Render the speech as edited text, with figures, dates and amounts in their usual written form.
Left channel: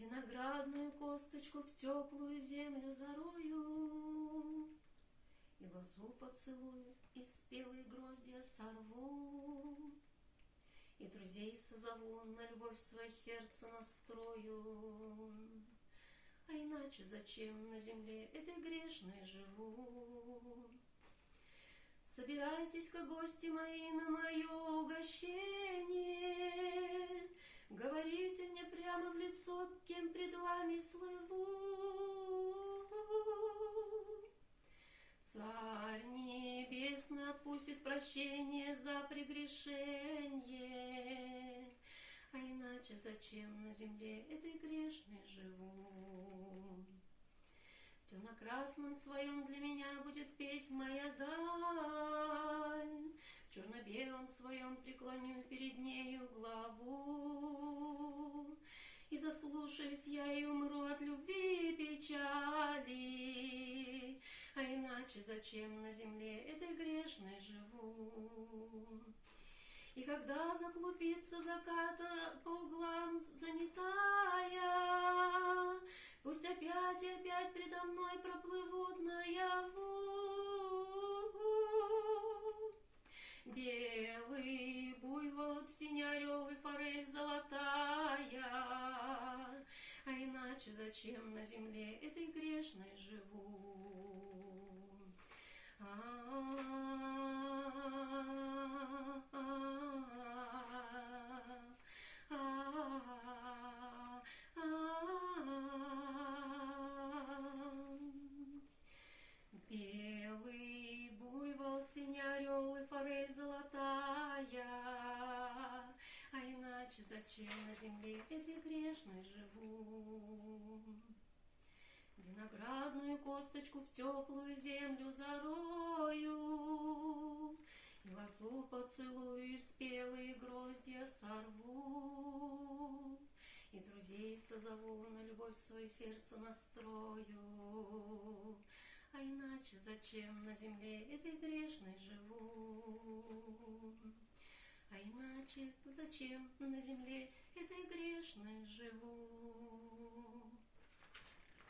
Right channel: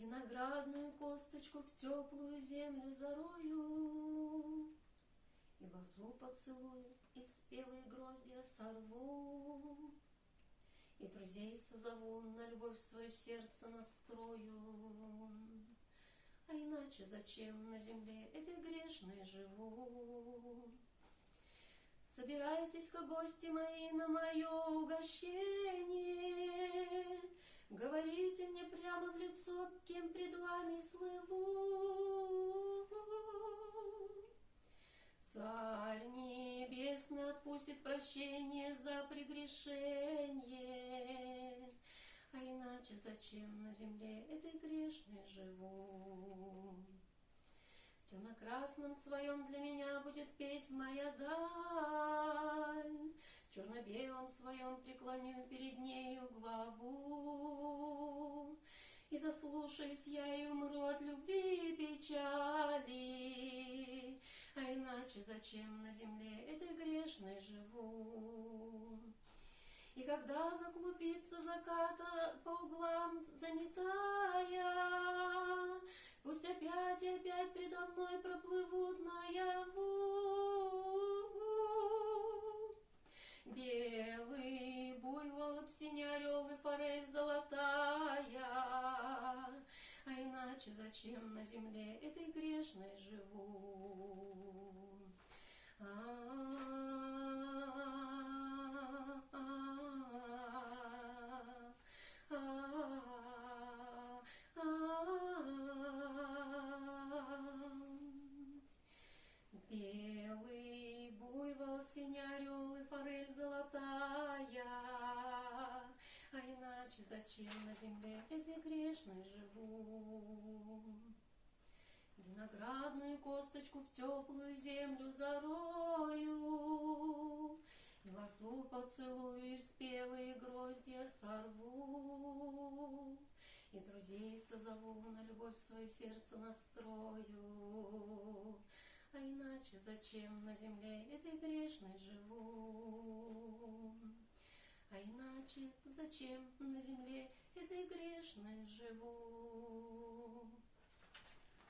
Виноградную косточку в теплую землю зарою, и лозу поцелую, и спелые гроздья сорву, и друзей созову, на любовь свое сердце настрою. А иначе зачем на земле этой грешной живу? Собирайтесь-ка, гости мои, на мое угощение, говорите мне прямо в лицо, кем пред вами слыву. Царь Небесный отпустит прощение за прегрешение, а иначе зачем на земле этой грешной живу? В темно-красном своем для меня будет петь моя даль, в черно-белом своем преклоню перед нею главу, и заслушаюсь я и умру от любви и печали, а иначе зачем на земле этой грешной живу? И когда заклубится заката по углам заметая, пусть опять и опять предо мной проплывут наяву белый буйвол, синий орел и форель золотая, а иначе зачем на земле этой грешной живу? Белый буйвол, синий орел и форель золотая, а иначе зачем на земле этой грешной живу? Виноградную косточку в теплую землю зарою, и лозу поцелую, и спелые гроздья сорву, и друзей созову, на любовь свое сердце настрою. А иначе зачем на земле этой грешной живу? А иначе зачем на земле этой грешной живу?